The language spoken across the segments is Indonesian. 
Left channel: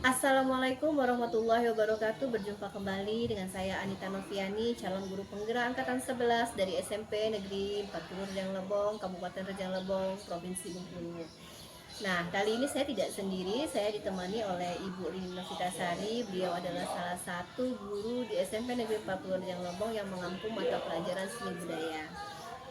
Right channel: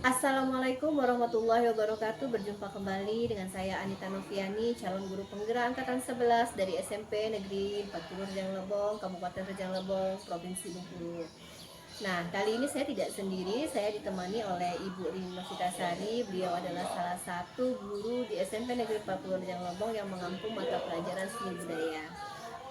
Assalamualaikum warahmatullahi wabarakatuh. Berjumpa kembali dengan saya Anita Noviani, calon guru penggerak angkatan 11 dari SMP Negeri 40 Rejang Lebong, Kabupaten Rejang Lebong, Provinsi Bengkulu. Nah, kali ini saya tidak sendiri, saya ditemani oleh Ibu Rini Novitasari. Beliau adalah salah satu guru di SMP Negeri 40 Rejang Lebong yang mengampu mata pelajaran seni budaya.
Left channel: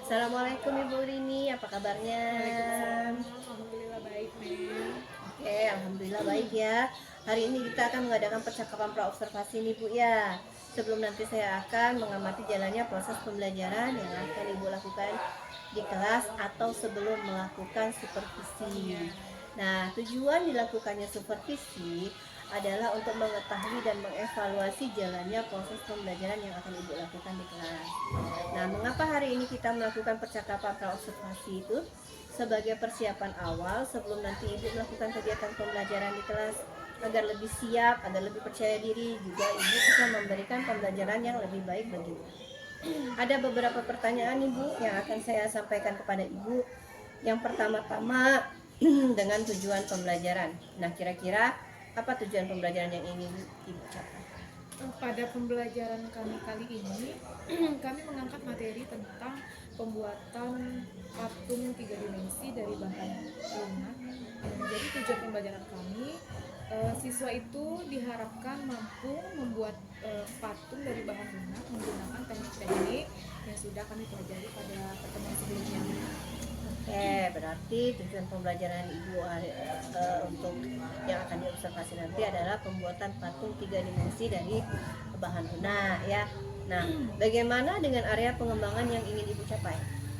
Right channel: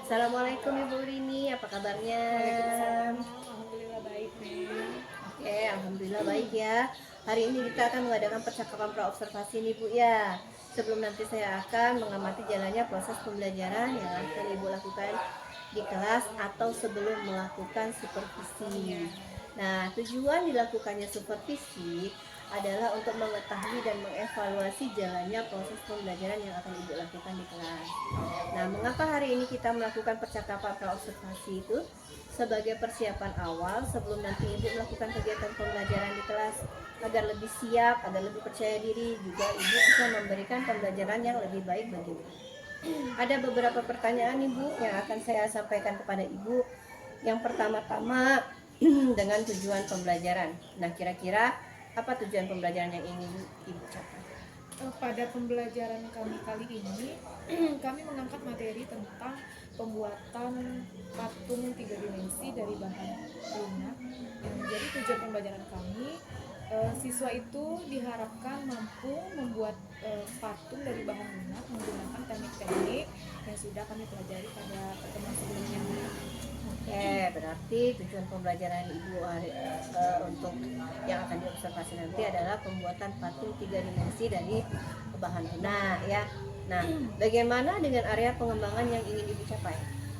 Assalamualaikum Ibu Rini, apa kabarnya? Waalaikumsalam, alhamdulillah baik, Neng. Oke, alhamdulillah baik ya. Hari ini kita akan mengadakan percakapan praobservasi nih Bu ya. Sebelum nanti saya akan mengamati jalannya proses pembelajaran yang akan Ibu lakukan di kelas atau sebelum melakukan supervisi. Nah, tujuan dilakukannya supervisi adalah untuk mengetahui dan mengevaluasi jalannya proses pembelajaran yang akan Ibu lakukan di kelas. Nah, mengapa hari ini kita melakukan percakapan praobservasi itu? Sebagai persiapan awal sebelum nanti Ibu melakukan kegiatan pembelajaran di kelas, agar lebih siap, agar lebih percaya diri, juga Ibu bisa memberikan pembelajaran yang lebih baik bagi Ibu. Ada beberapa pertanyaan Ibu yang akan saya sampaikan kepada Ibu. Yang pertama-tama dengan tujuan pembelajaran. Nah, kira-kira apa tujuan pembelajaran yang ingin Ibu capai? Pada pembelajaran kami kali ini, kami mengangkat materi tentang pembuatan patung 3 dimensi dari bahan lunak. Jadi tujuan pembelajaran kami, siswa itu diharapkan mampu membuat patung dari bahan lunak menggunakan teknik-teknik yang sudah kami pelajari pada pertemuan sebelumnya. Oke, berarti tujuan pembelajaran Ibu untuk yang akan diobservasi nanti adalah pembuatan patung 3 dimensi dari bahan lunak ya. Nah, bagaimana dengan area pengembangan yang ingin Ibu capai?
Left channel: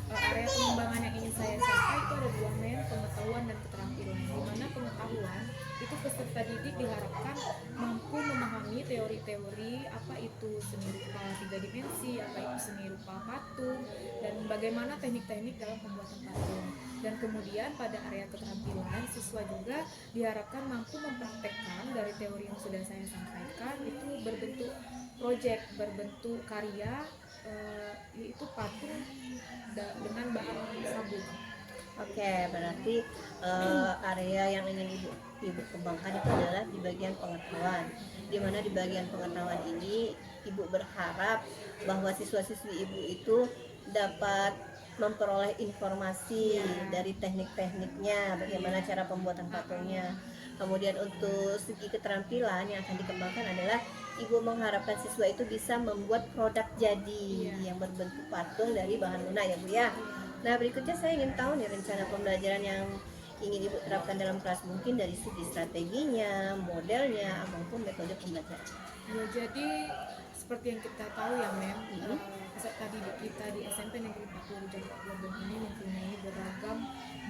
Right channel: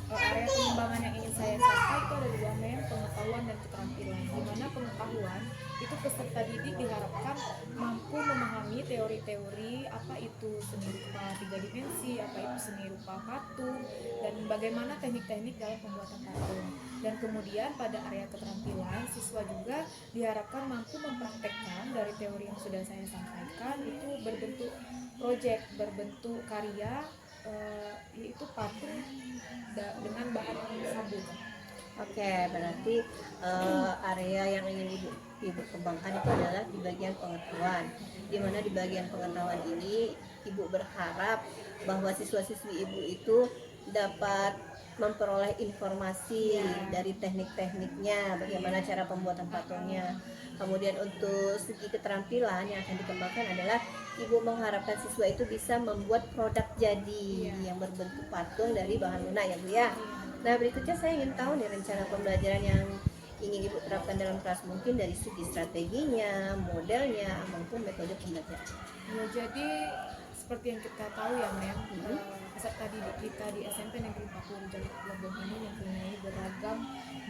Area pengembangan yang ingin saya capai itu ada dua, men, pengetahuan dan keterampilan. Di mana pengetahuan itu peserta didik diharapkan mampu memahami teori-teori apa itu seni rupa 3 dimensi, apa itu seni rupa patung, dan bagaimana teknik-teknik dalam pembuatan patung. Dan kemudian pada area keterampilan, siswa juga diharapkan mampu mempraktekkan dari teori yang sudah saya sampaikan itu berbentuk proyek, berbentuk karya, yaitu patung dengan bahan sabun. Oke, berarti area yang ingin Ibu kembangkan itu adalah di bagian pengetahuan. Di mana di bagian pengetahuan ini Ibu berharap bahwa siswa-siswi Ibu itu dapat memperoleh informasi dari teknik-tekniknya, bagaimana cara pembuatan patungnya. Kemudian untuk segi keterampilan yang akan dikembangkan adalah Ibu mengharapkan siswa itu bisa membuat produk jadi yang berbentuk patung dari bahan lunak ya Bu ya. Nah, berikutnya saya ingin tahu nih rencana pembelajaran yang ingin Ibu terapkan dalam kelas, mungkin dari segi strateginya, modelnya, maupun metode pembelajaran. Ya, jadi seperti yang kita tahu ya, Mem, peserta didik kita di SMP Negeri 40 Rejang Lebong ini mempunyai beragam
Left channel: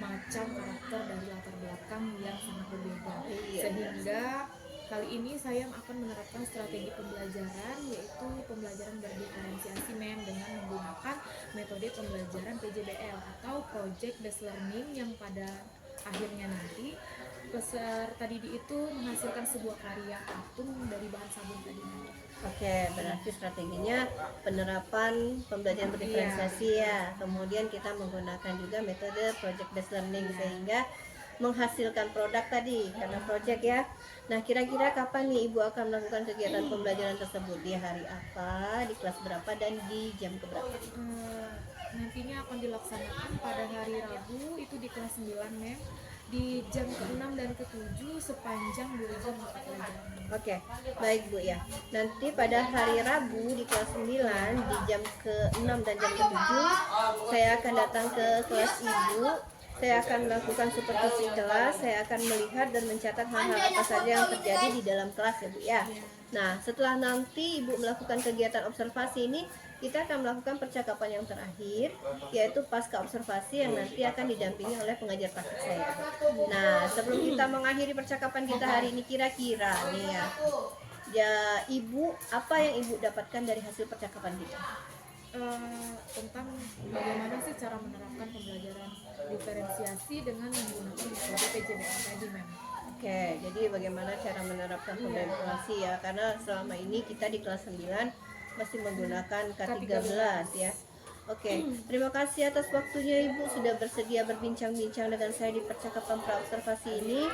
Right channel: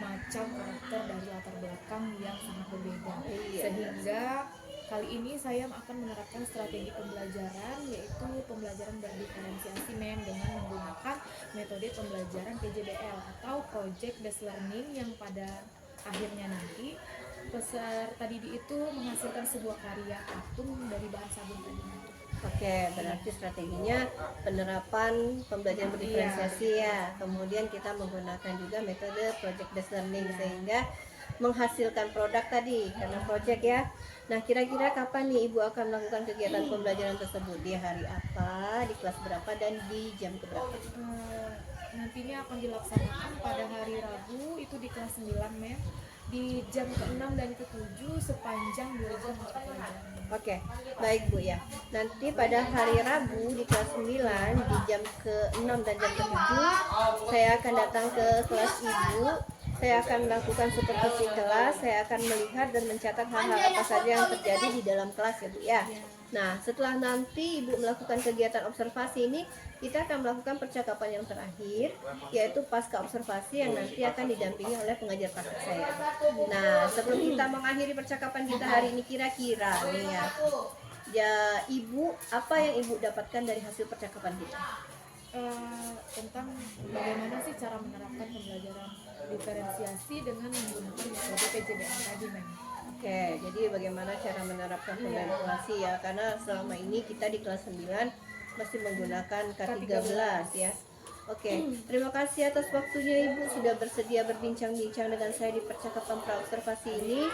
macam karakter dari latar belakang yang sangat berbeda. Sehingga kali ini saya akan menerapkan strategi pembelajaran, yaitu pembelajaran berdiferensiasi, Mem, dengan menggunakan metode pembelajaran PJBL atau Project Based Learning, yang pada akhirnya nanti peserta didik itu menghasilkan sebuah karya patung dari bahan sabun tadi. Oke, berarti strateginya penerapan pembelajaran berdiferensiasi ya. Kemudian kita menggunakan juga metode project based learning sehingga menghasilkan produk tadi karena project ya. Nah, kira-kira kapan nih Ibu akan melakukan kegiatan pembelajaran tersebut? Di hari apa, di kelas berapa, dan di jam keberapa? Nantinya akan dilaksanakan pada hari Rabu itu di kelas 9, Mem, di jam ke-6 dan ke-7 sepanjang 2 jam mata pelajaran. Oke, baik Bu ya. Nanti pada hari Rabu di kelas 9 di jam ke-6 dan jam ke-7 saya akan datang ke kelas Ibu. Saya akan melakukan supervisi kelas, saya akan melihat dan mencatat hal-hal apa saja yang terjadi di dalam kelas ya Bu ya. Nah, setelah nanti Ibu melakukan kegiatan observasi ini, kita akan melakukan percakapan yang terakhir, yaitu pasca observasi yang nanti akan didampingi oleh pengajar praktik saya. Nah, sebelum kita mengakhiri percakapan kita hari ini, kira-kira nih ya Ibu, apa yang Ibu dapatkan dari hasil percakapan kita? Tentang bagaimana sih cara menerapkan pembelajaran diferensiasi dengan menggunakan metode PJBL tadi, Mem. Oke, jadi bagaimana cara menerapkan pembelajaran ya, karena selama ini kita di kelas 9 masih menggunakan K13 ya. Oke, terima kasih atas waktunya Ibu sudah bersedia berbincang-bincang dengan saya di percakapan praobservasi ini.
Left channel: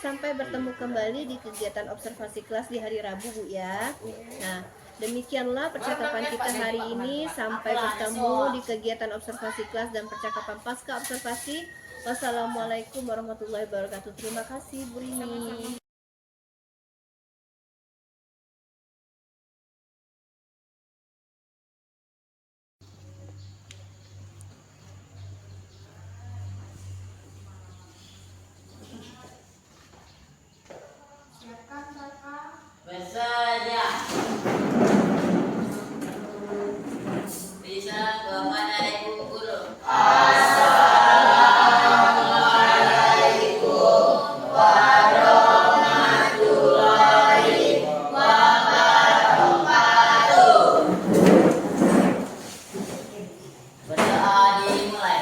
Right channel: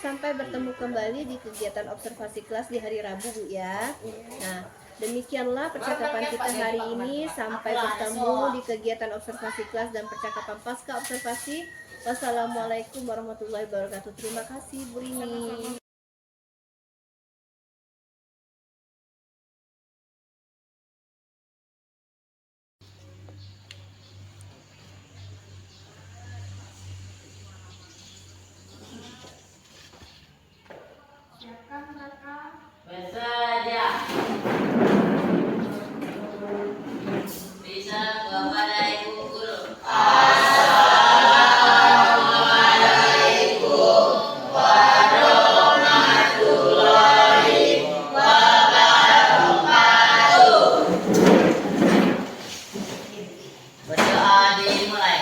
Sampai bertemu kembali di kegiatan observasi kelas di hari Rabu, Bu ya. Nah, demikianlah percakapan kita hari ini. Sampai bertemu di kegiatan observasi kelas dan percakapan pasca observasi. Wassalamualaikum warahmatullahi wabarakatuh. Terima kasih, Bu Rini. Siapkan kakak. Bersedia. Bisa kepada Ibu Guru. Berdoa dimulai.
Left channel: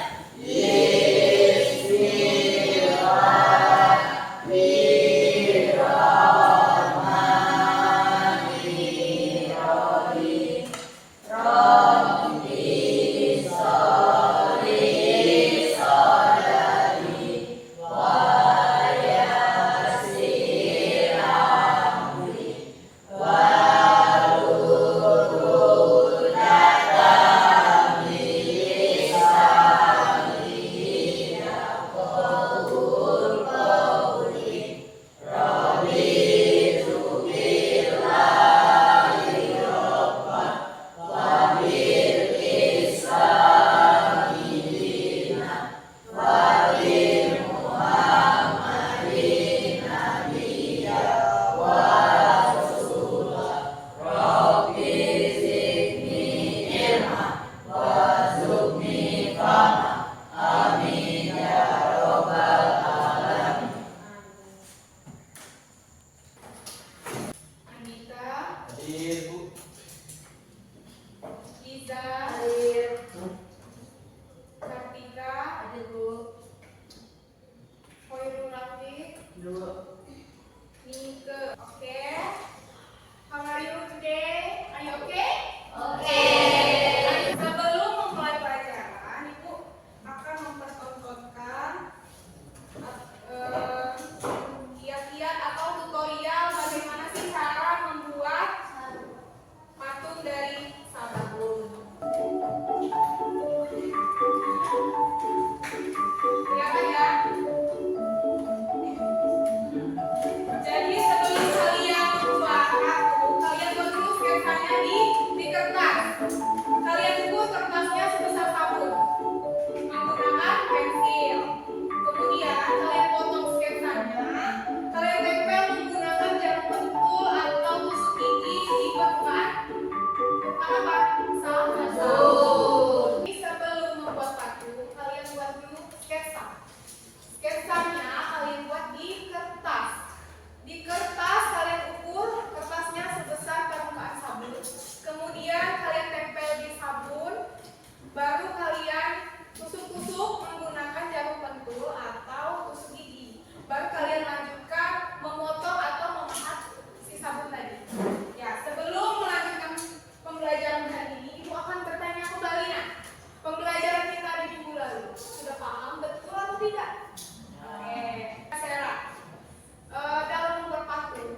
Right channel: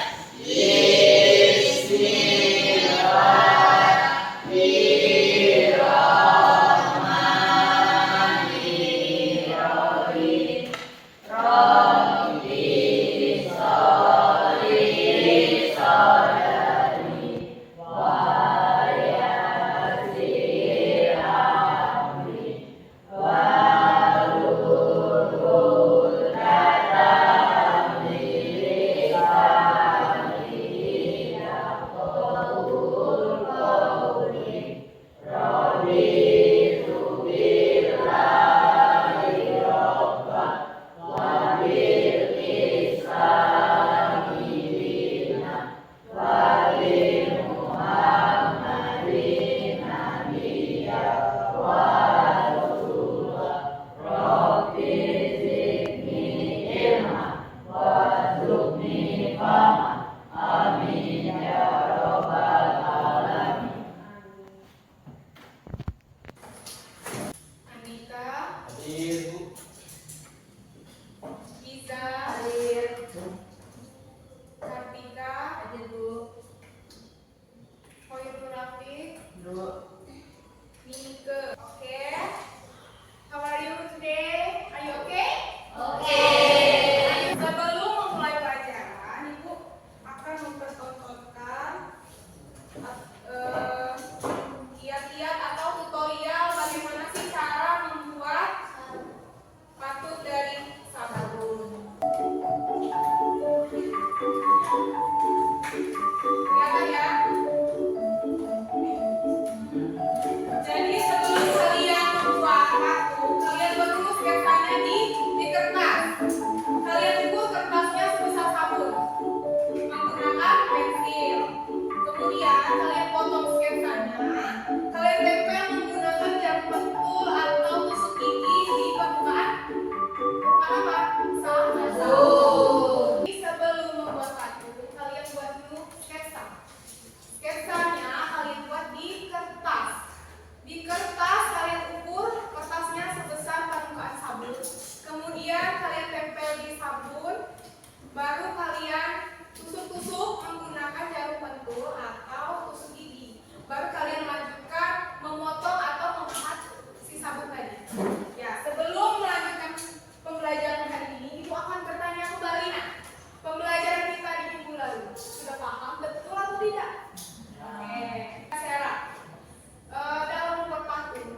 Anita, Hadir, Bu. Giza, Kartika, Hoirul Rafiq, Nike. Okay. How are you today? Are you okay? Okay. Sebelum memulai pelajaran, Ibu akan mempertontonkan kiat-kiat atau tutorial bagaimana sih cara membuat patung dari sabun. Kelihatan ya? Jadi sebelum kalian membuat patung, kalian buat dulu sketsanya di kertas. Kalian ukur kertasnya sebesar sabun menggunakan pensil. Kemudian kalian potong sketsanya. Kalian tempel menggunakan jarum pentul atau tusuk gigi di permukaan apa? Sabun. Sebelum membuat patung, kalian buat dulu sketsa. Sketsanya kalian buat di kertas. Di kertas kalian ukur kertasnya sebesar permukaan sabun. Kemudian kalian tempel di sabun. Baru kalian tusuk-tusuk menggunakan jarum pentul atau tusuk gigi. Baru kalian lanjutkan memotong atau memahat si sabun tadi. Ya, sebelum melanjutkan pembelajaran hari ini, Ibu akan bertanya kembali. Nah, pembelajaran kita di minggu lalu sudah paham betul atau tidak? Oke, Sarah. Dalam membuat patung,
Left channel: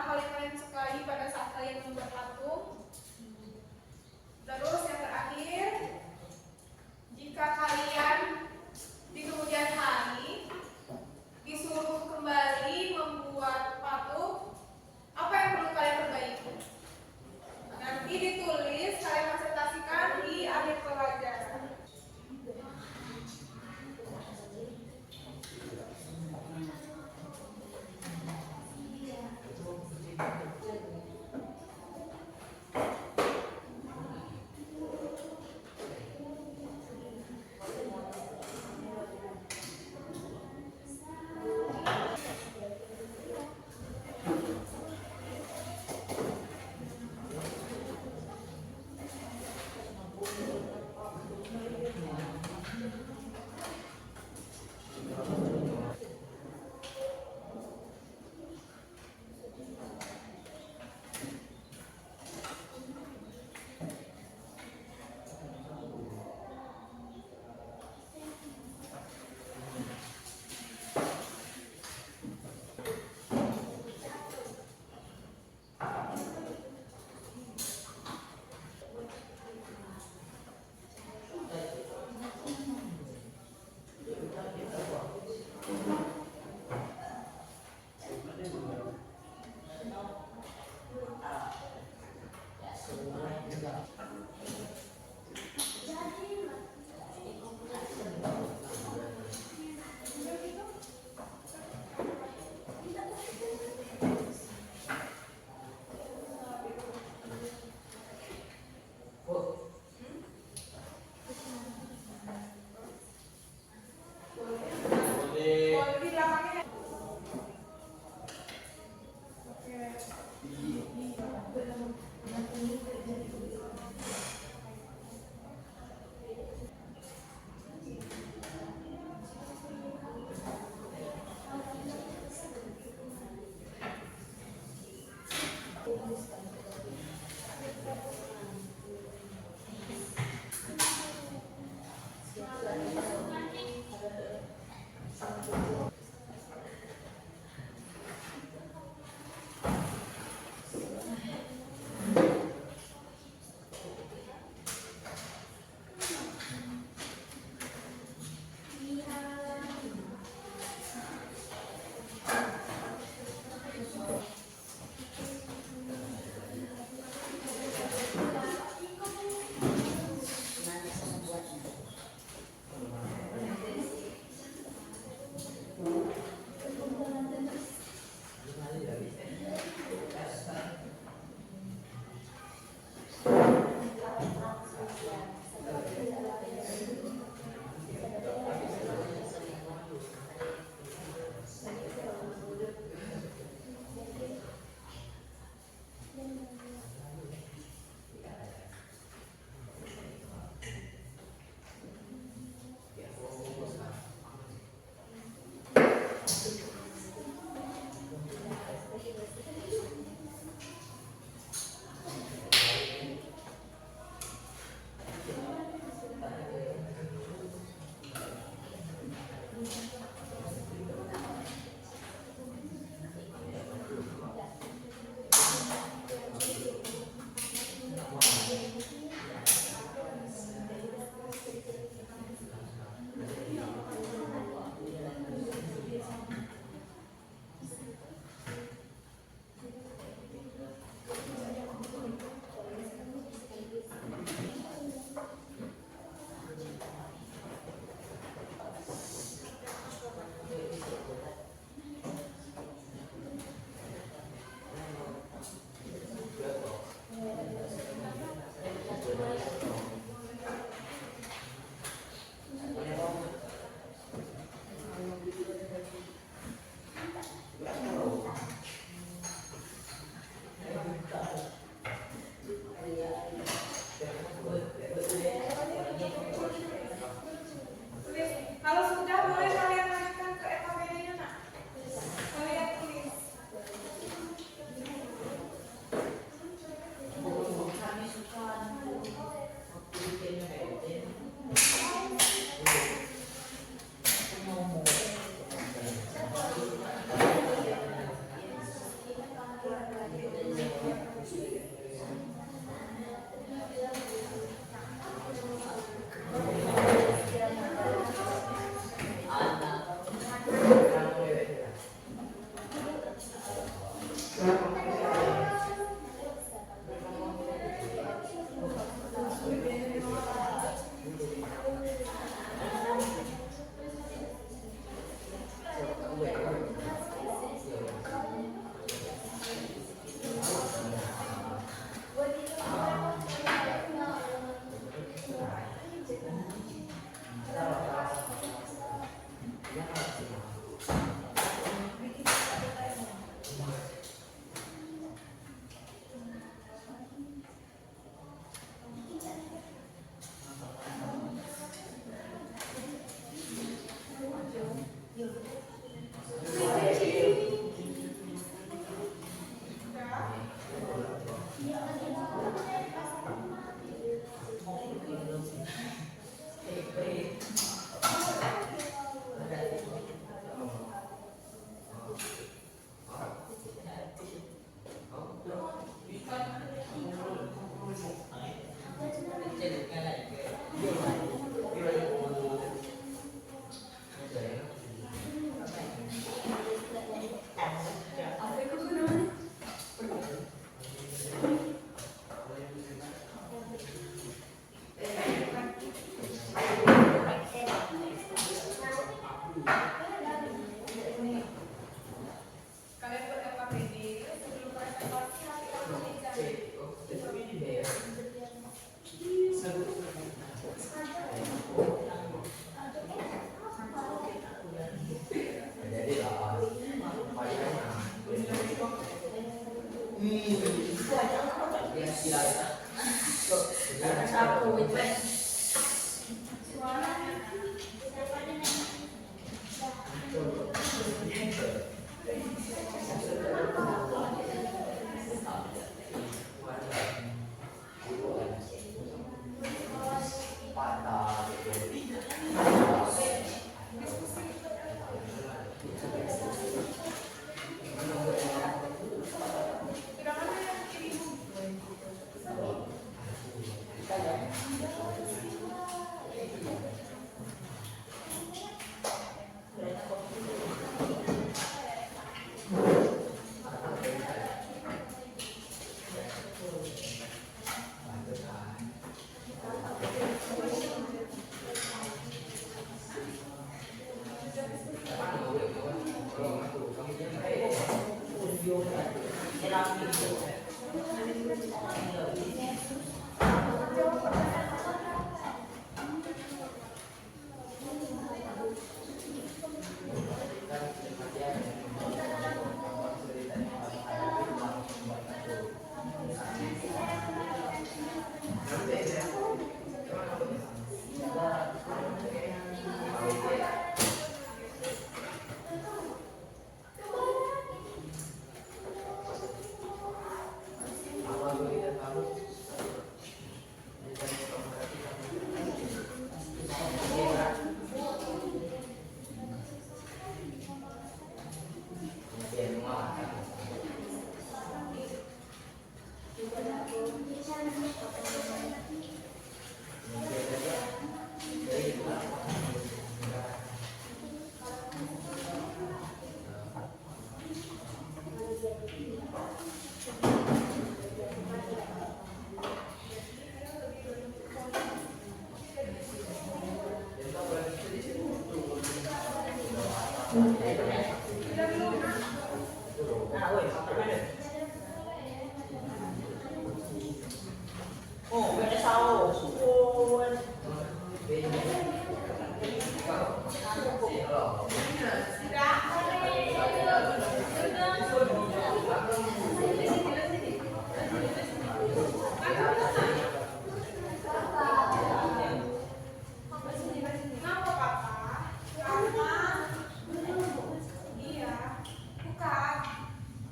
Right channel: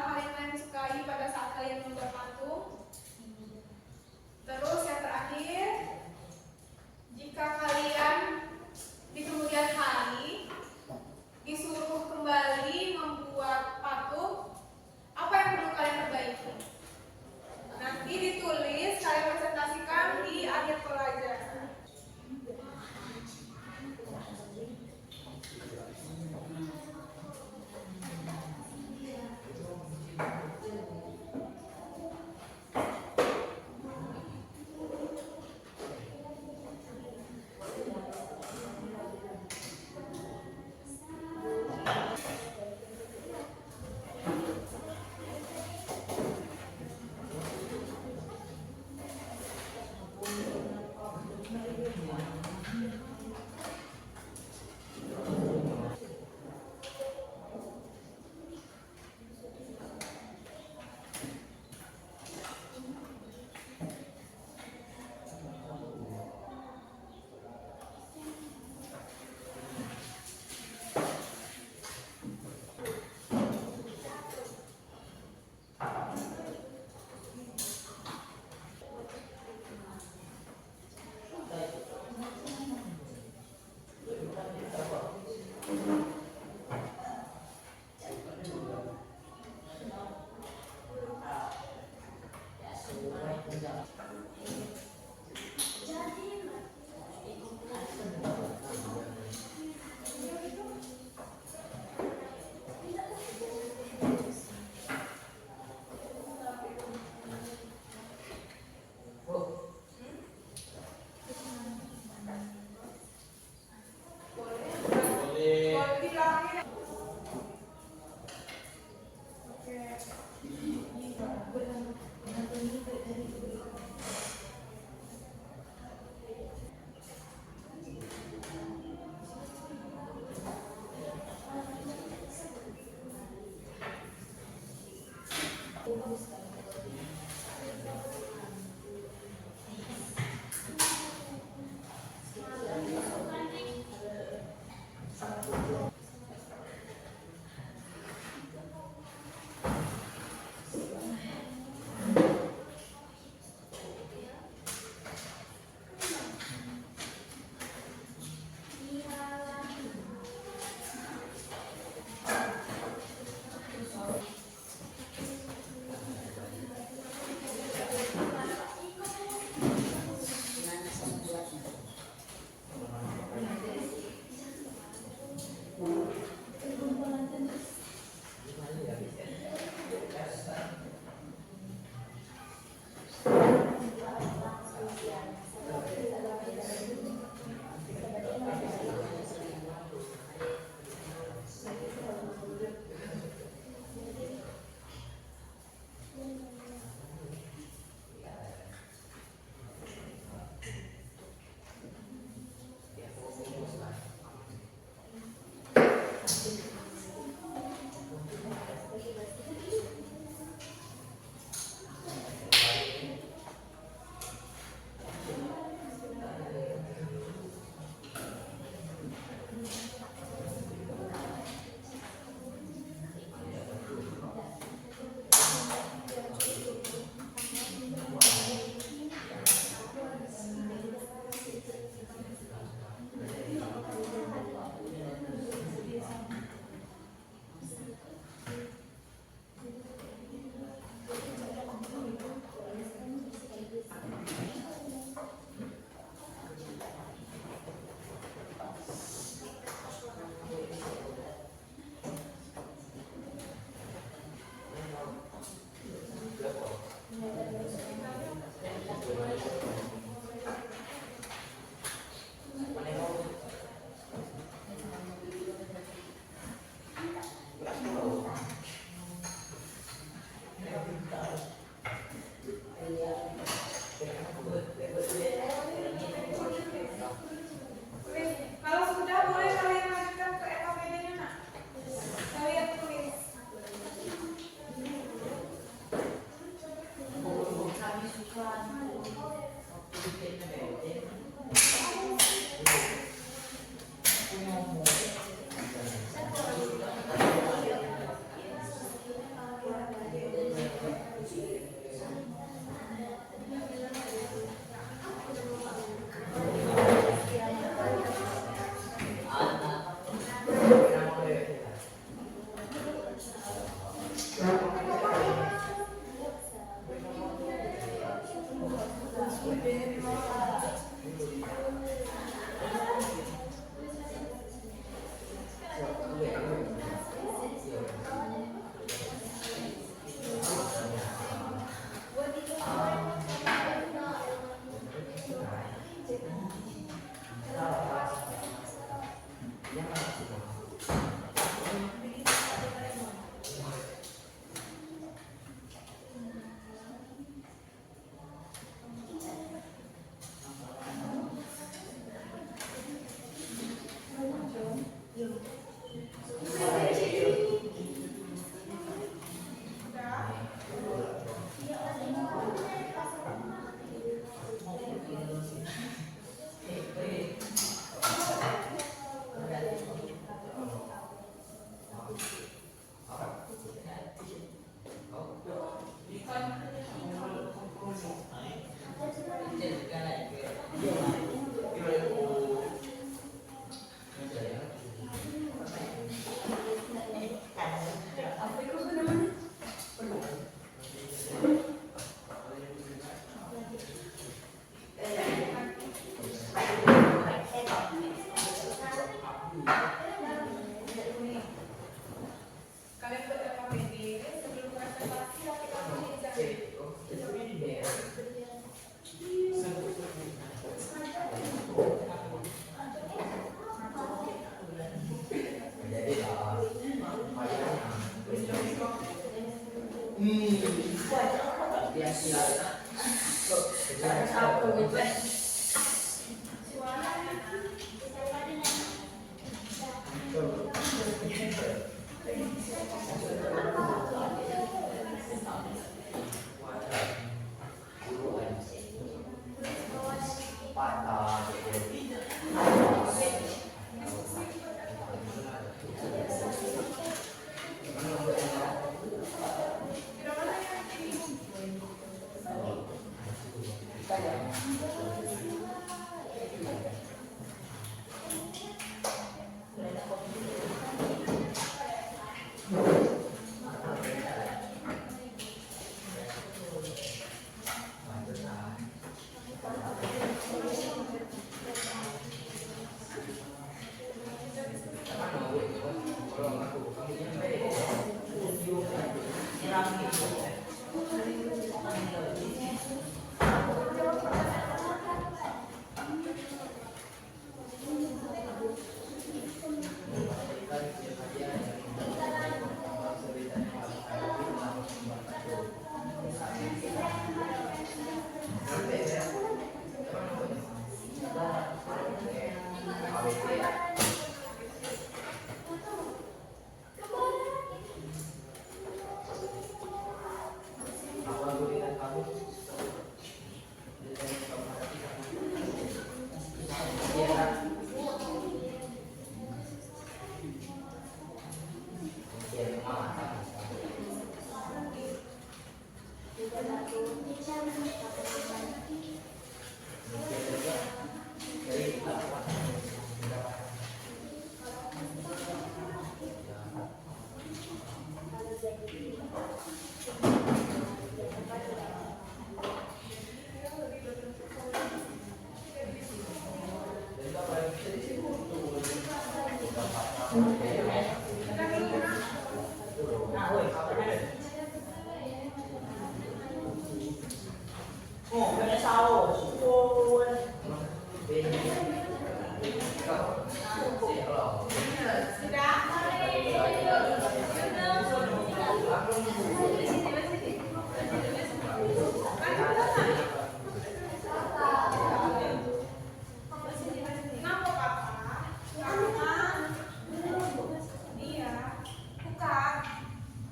hal yang kalian sukai pada saat kalian membuat patung? Terus yang terakhir, jika kalian di kemudian hari disuruh kembali membuat patung, apa yang perlu kalian perbaiki? Nanti ditulis, kalian presentasikan di akhir pelajaran.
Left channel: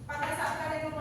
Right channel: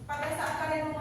Pada saat kalian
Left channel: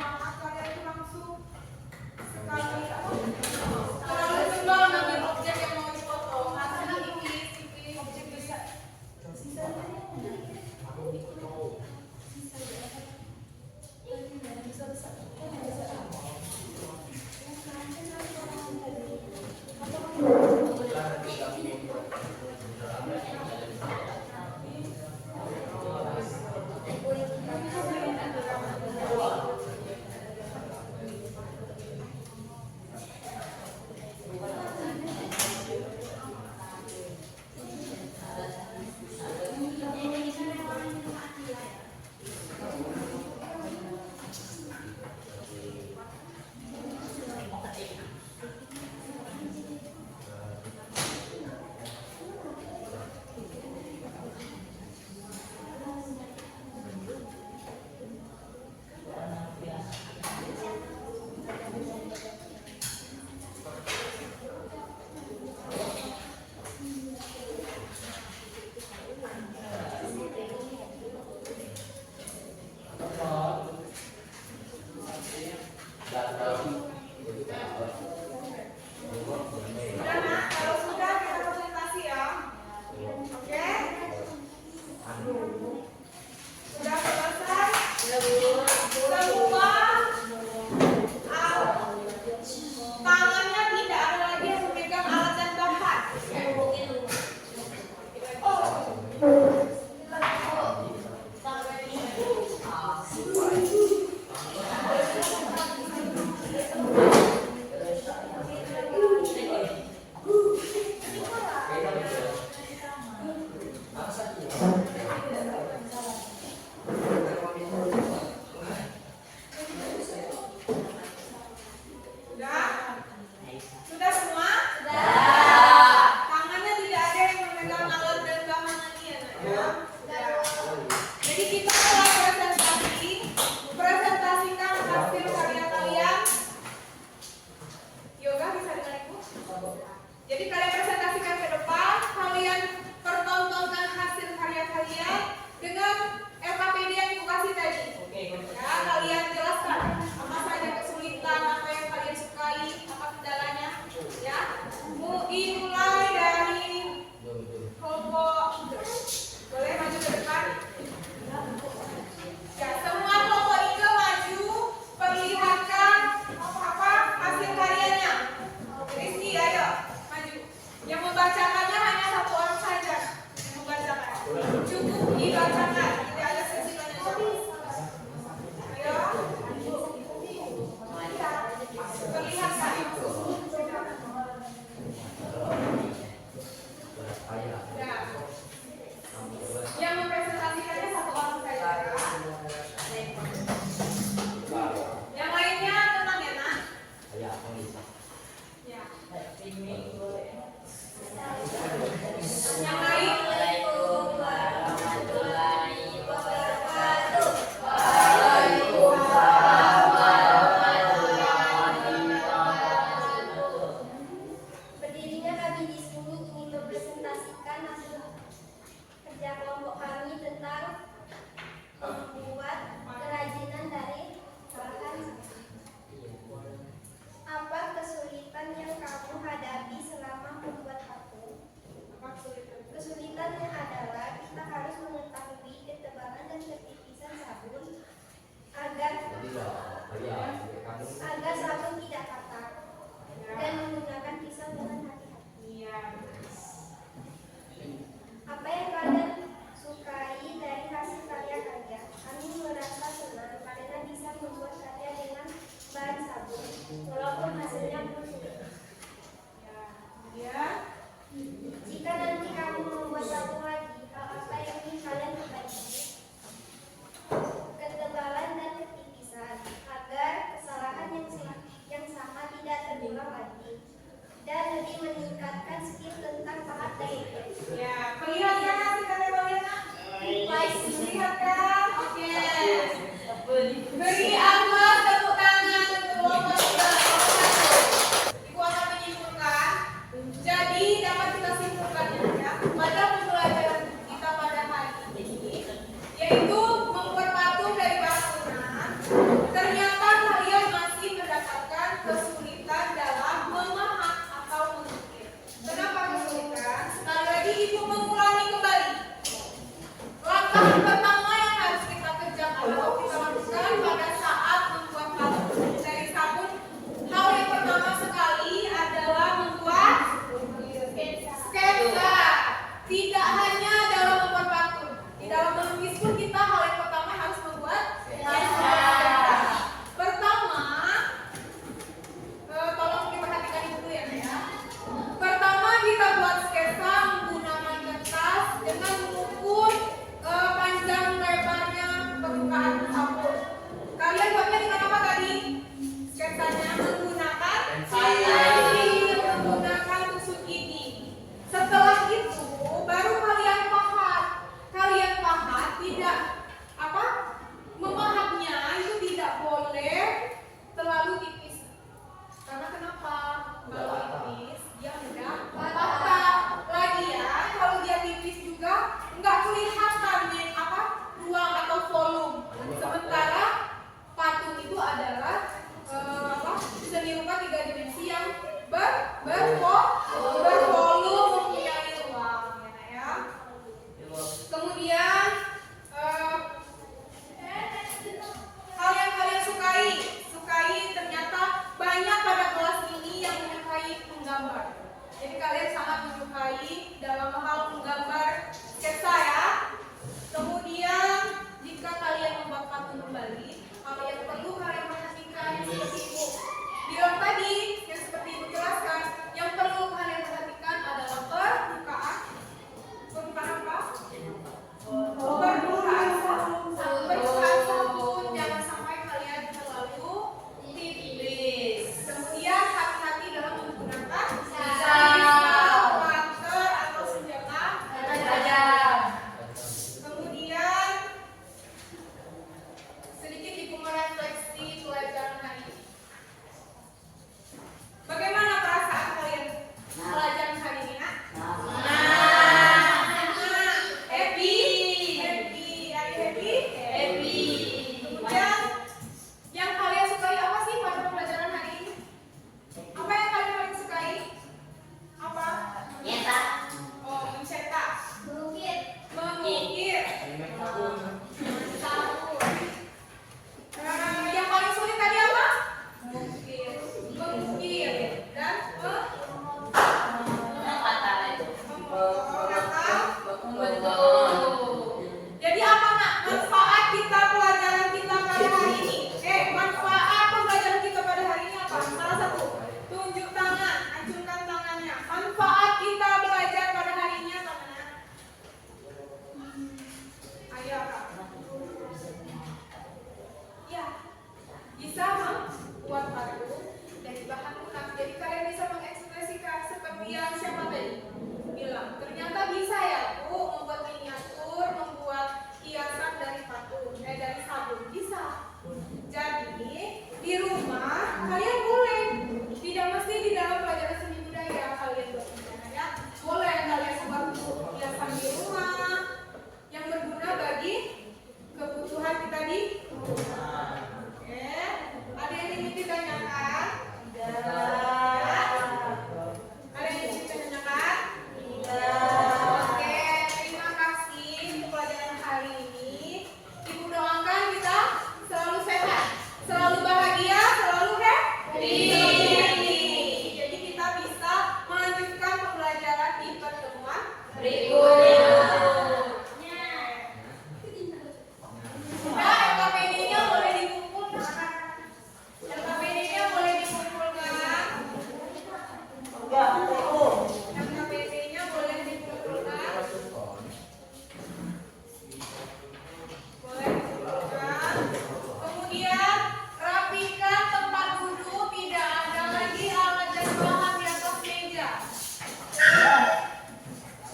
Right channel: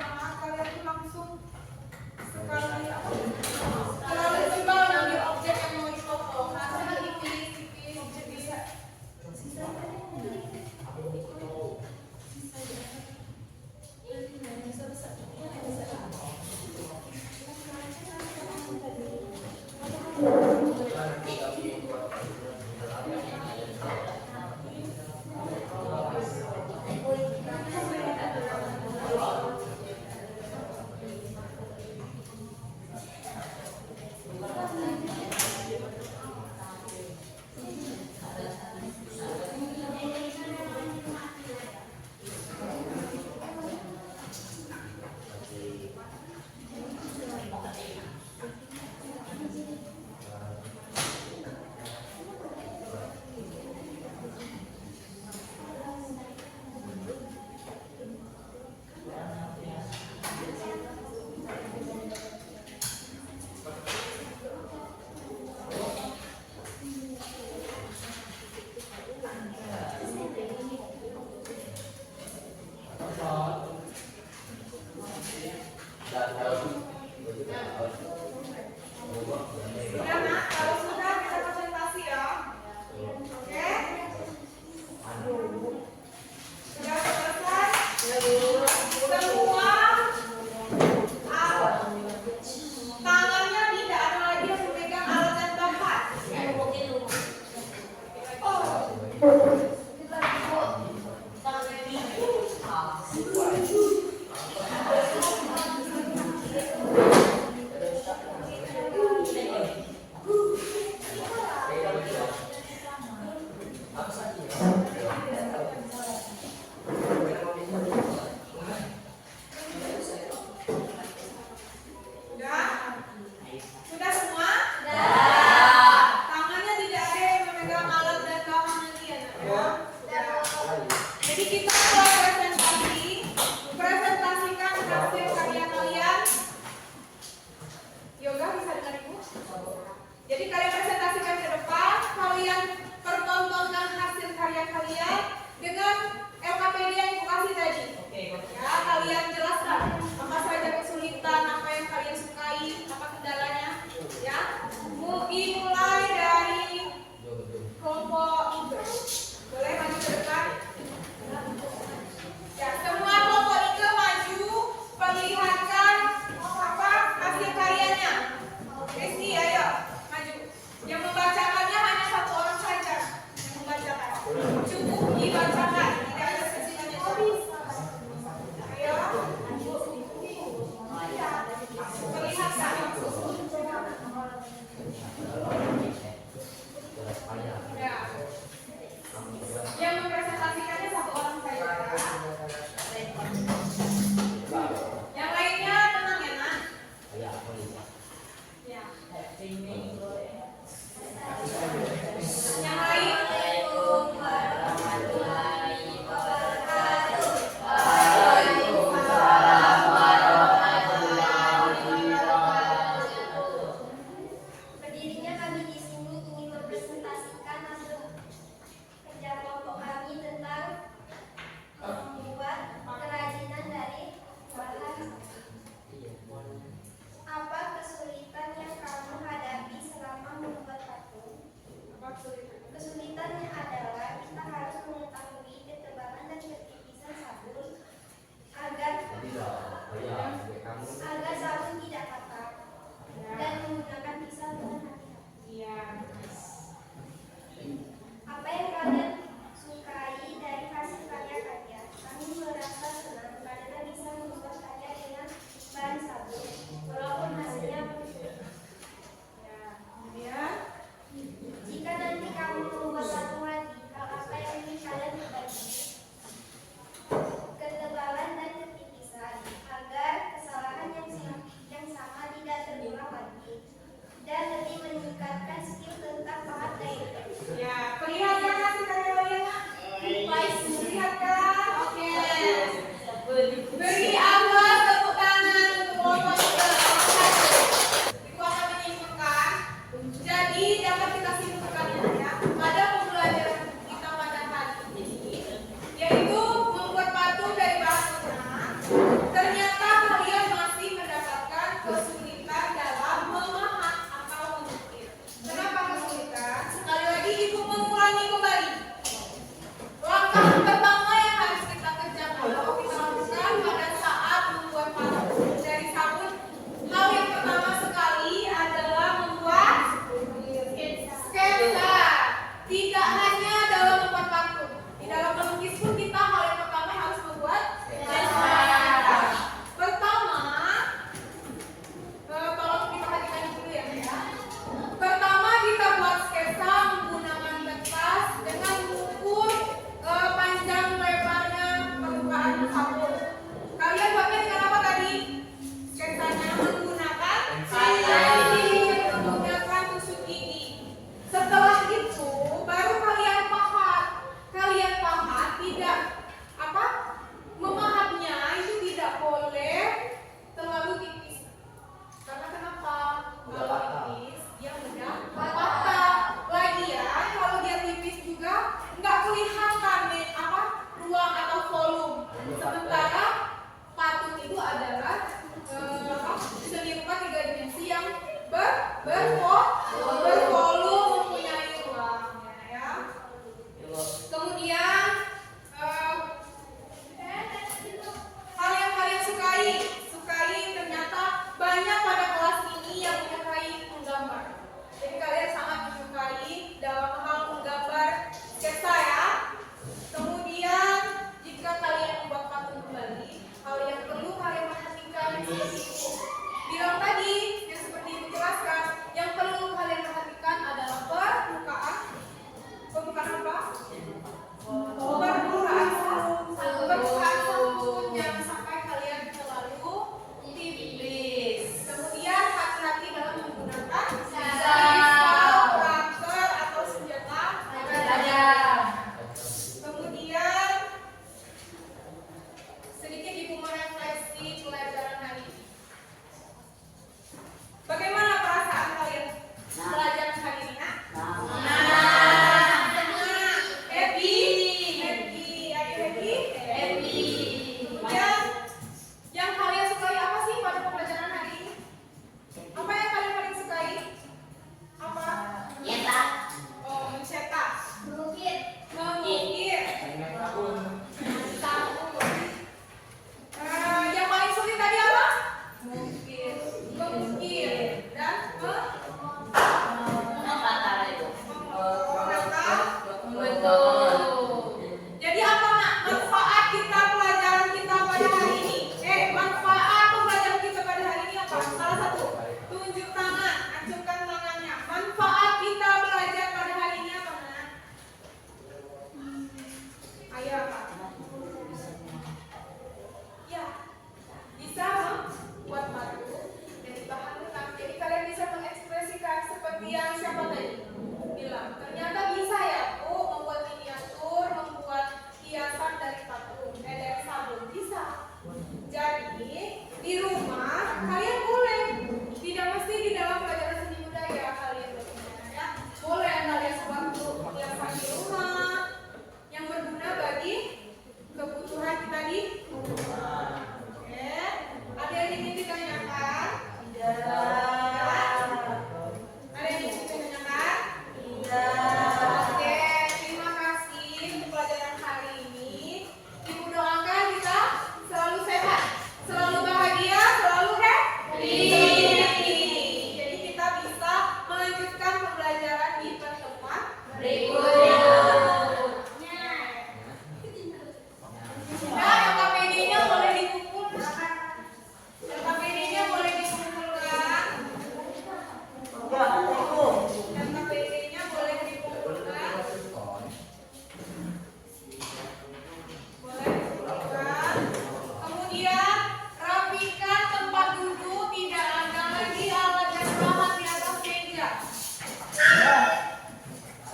Rapikan tempat duduk, tidak ada lagi alat dan bahan di atas meja.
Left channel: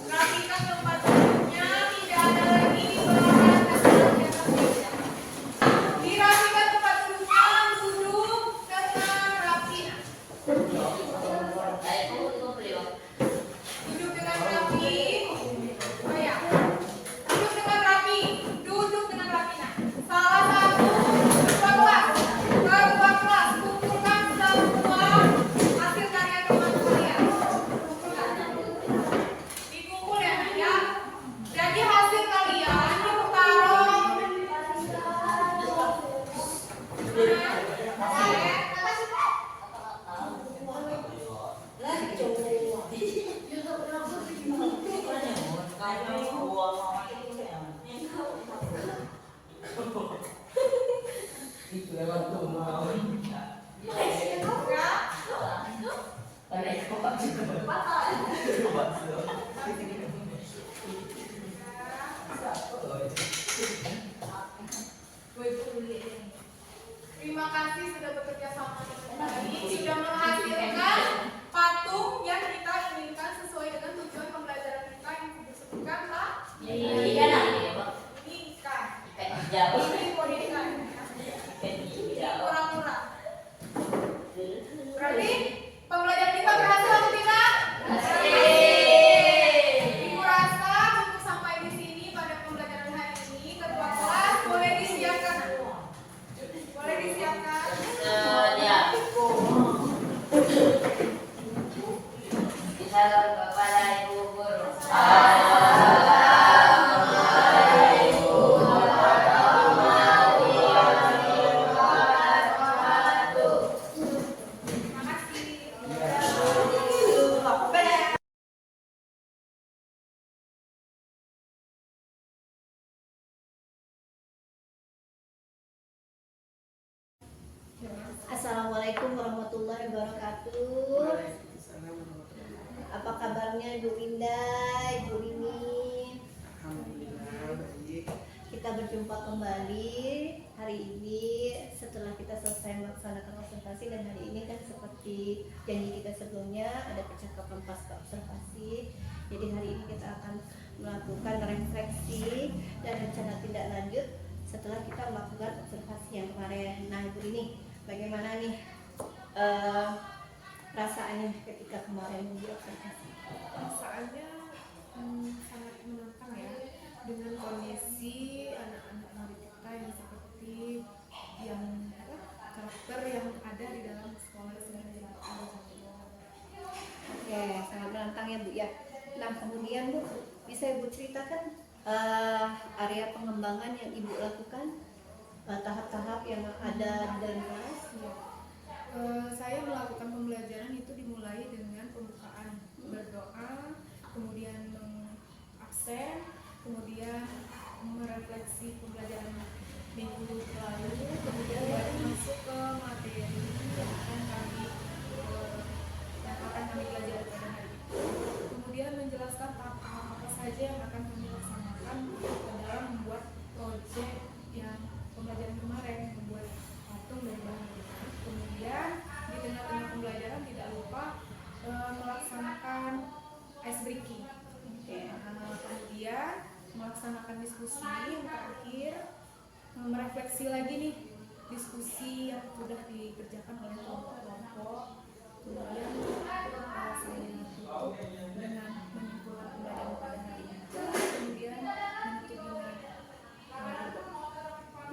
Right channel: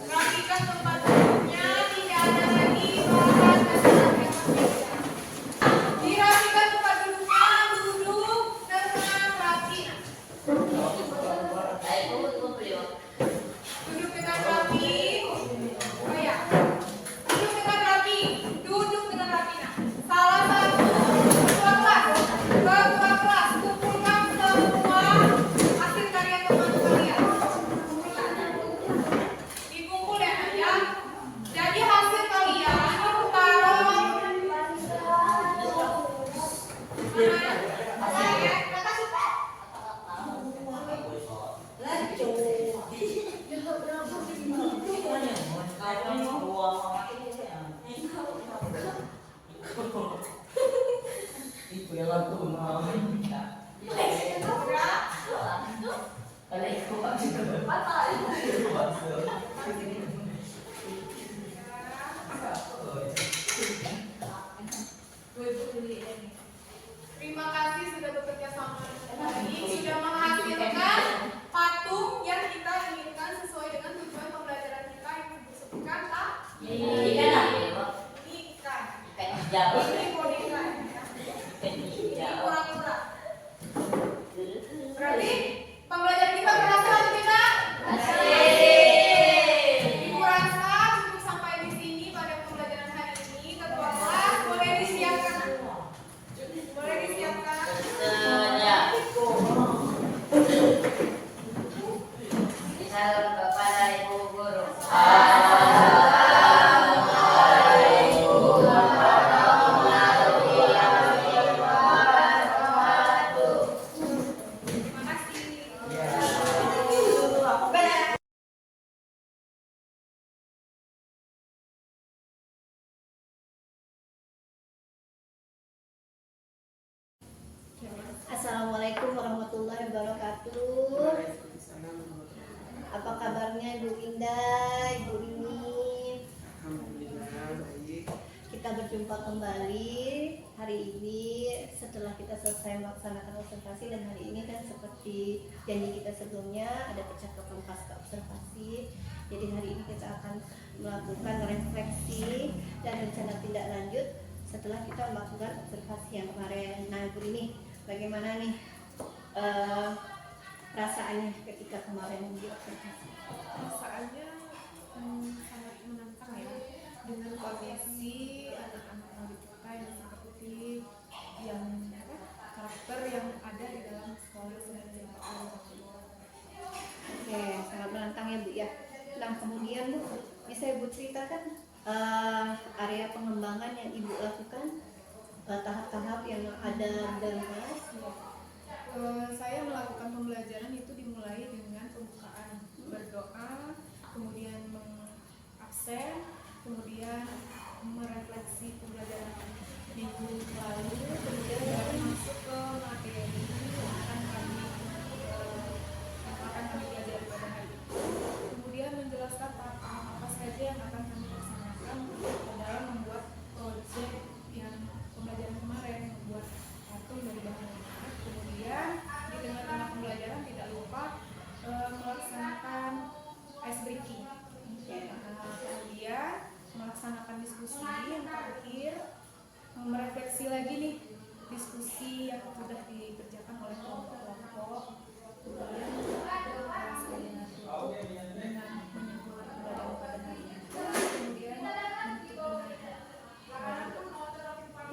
Rapikan tempat duduknya, tidak ada lagi bahan dan bahan di atas meja. Dirapikan tempat duduknya, duduk dengan rapi. Duduk dengan rapi. Oh ya. Duduk dengan rapi. Duduk dengan rapi. Nah, salah satu ketua kelas kumpulkan semua hasil karya teman kalian. Dikumpul ya, Nak, ya. Jadi hasil kalian taruh Terima kasih sudah bekerja sama dengan baik, sudah menghasilkan patung yang kita inginkan sesuai dengan tujuan pembelajaran kita yang disebutkan Pak. Ini ikan. Ini bodi ikan. Ini kura-kura. Berarti pembelajaran kita berhasil atau tidak? Ibu rasa cukup sampai di sini pada pembelajaran hari ini. Ketua kelas boleh disiapkan. Boleh disiapkan. Salam kepada Ibu Guru. Terima kasih. Assalamualaikum warahmatullahi wabarakatuh. Apa kabarnya Ibu Indah, Ibu Ini? Kita berjumpa kembali hari ini setelah kita selesai melaksanakan observasi, dan hari ini kan seperti janji kita sebelumnya ada percakapan pasca observasi. Jadi hari ini kita akan melakukan refleksi dan rencana tindak lanjut setelah kita melakukan observasi yang kemarin. Nah, Ibu ini bagaimana nih perasaannya ketika kemarin diobservasi? Perasaannya sangat menantang ya, dengan kondisi anak-anak murid kita yang seperti yang karakter yang ada di dalam sekolah Semen Negeri 40. Oke, sangat menantang ya Bu ya. Nah, kemudian Bu, bisa Ibu ceritakan area pengembangan yang Ibu lakukan, tahap-tahap yang ada di dalam kelas? Saya melakukan pembelajaran itu dimulai dengan pembukaan, berdoa, kemudian mengabsen, kemudian merefleksi pembelajaran minggu lalu, kemudian baru masuk ke materi yang akan kami pelajari pada hari itu. Kemudian menjelaskan tahap-tahap apa saja yang akan kami laksanakan dalam membuat proyek yang pembelajaran kemarin, membuat patung dari bahan lunak. Kemudian di tengah-tengah pembelajaran tidak lupa melaksanakan ice breaking. Kemudian melaksanakan diskusi yang terakhir, merefleksi lagi nih diskusi yang sudah dikerjakan oleh kelompok-kelompok. Kemudian saya tutup dengan menyimpulkan pembelajaran pada hari itu. Kemudian menutup dengan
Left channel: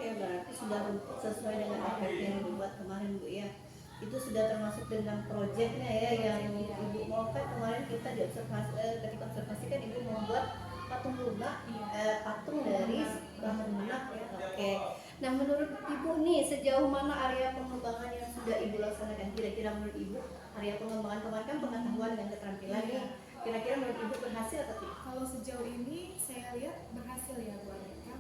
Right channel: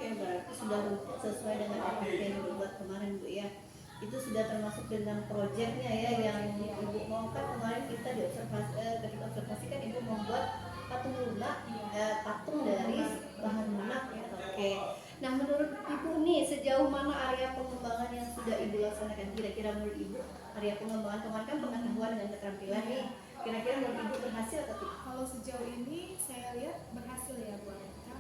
Ya, berarti sudah sesuai dengan apa yang dibuat kemarin Bu ya. Itu sudah termasuk dengan proyeknya ya yang Ibu mau. Kan kemarin kita di observasi, ketika observasi kan Ibu membuat patung lunak, patung dari bahan lunak ya. Oke. Nah, menurut Ibu nih sejauh mana area pengembangan yang sudah Ibu laksanakan? Kira-kira menurut Ibu area pengembangan kemarin kan pengetahuan dan keterampilan nih. Kira-kira menurut Ibu berhasil atau tidak? Kalau sejauh ini saya lihat berhasil ya buat mereka,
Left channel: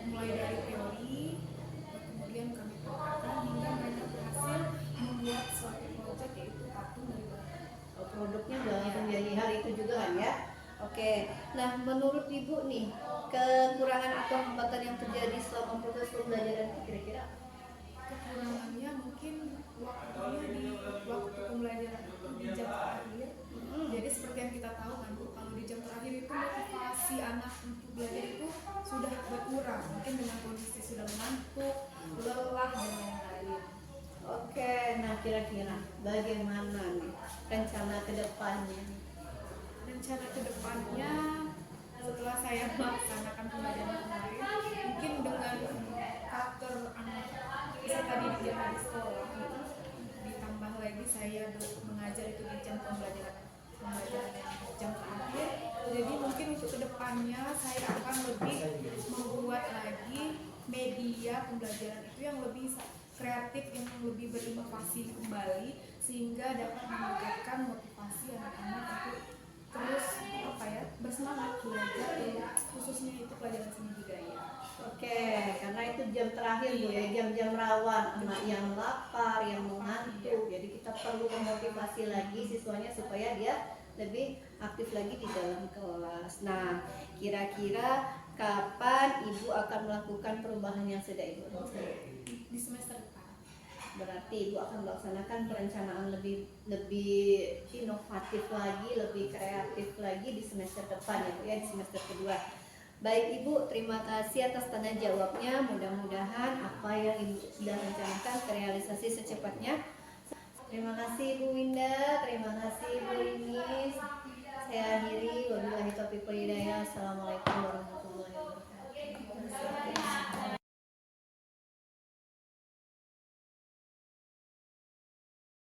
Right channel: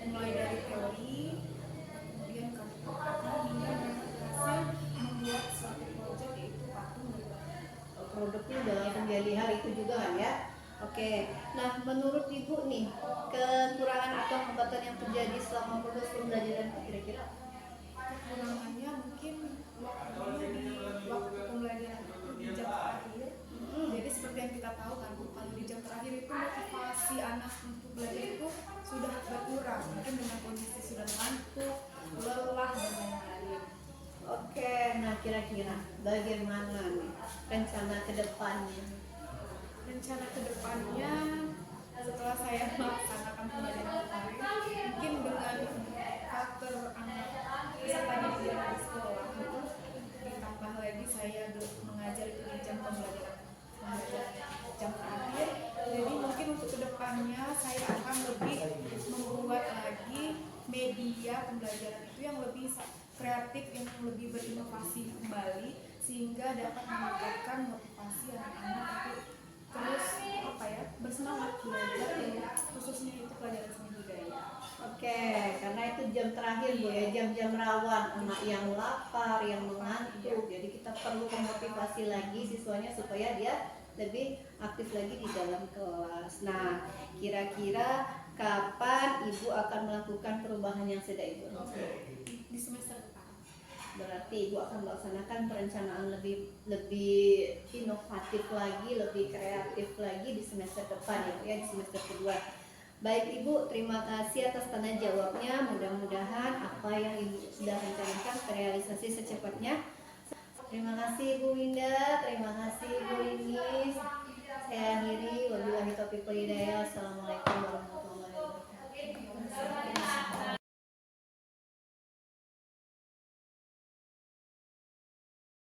mulai dari teori, kemudian kami praktekkan hingga mereka berhasil membuat suatu proyek yaitu patung dari bahan. Produknya udah langsung dilihat itu juga kan ya. Oke, nah menurut Ibu nih kekurangan atau hambatan yang terjadi selama proses pembelajaran itu kira-kira apa? Kekurangannya kira-kira bagaimana nih rencana ke depannya? Rencana kedepannya setelah saya melaksanakan pembelajaran kemarin, mungkin dengan karakter anak peserta didik yang ada di sekolah itu ditambah lagi saya mengajar itu di jam pembelajaran yang jam terakhir. Jadi mungkin untuk kedepannya saya akan lebih membuat lagi media pembelajaran itu yang lebih kreatif, yang lebih berinovasi kembali, sehingga dapat meningkatkan motivasi anak-anak untuk terus bersemangat belajar, khususnya itu pelajaran seni budaya. Oke, karena itu jam terakhir Bu ya, jam-jam rawan, anak yang lapar, yang mengantuk. Jadi kita perlu memotivasi lagi siswanya supaya dia lebih aktif lagi di dalam kelas. Nah, kira-kira kapan Ibu akan melakukan perubahan yang sudah Ibu lakukan? Di semester depan. Berarti Ibu akan melaksanakan perencanaan lebih inovatif lagi, lebih kreatif lagi di semester depan ya Bu ya, di semester kedua. Baik Ibu, terima kasih atas tanya jawabnya. Mudah-mudahan apa yang Ibu sudah rencanakan terrealisasi secepatnya. Terima kasih Ibu Winda, terima kasih Ibu Linis. Saya akhiri, wabillahi taufiq wal hidayah. Assalamualaikum warahmatullahi wabarakatuh.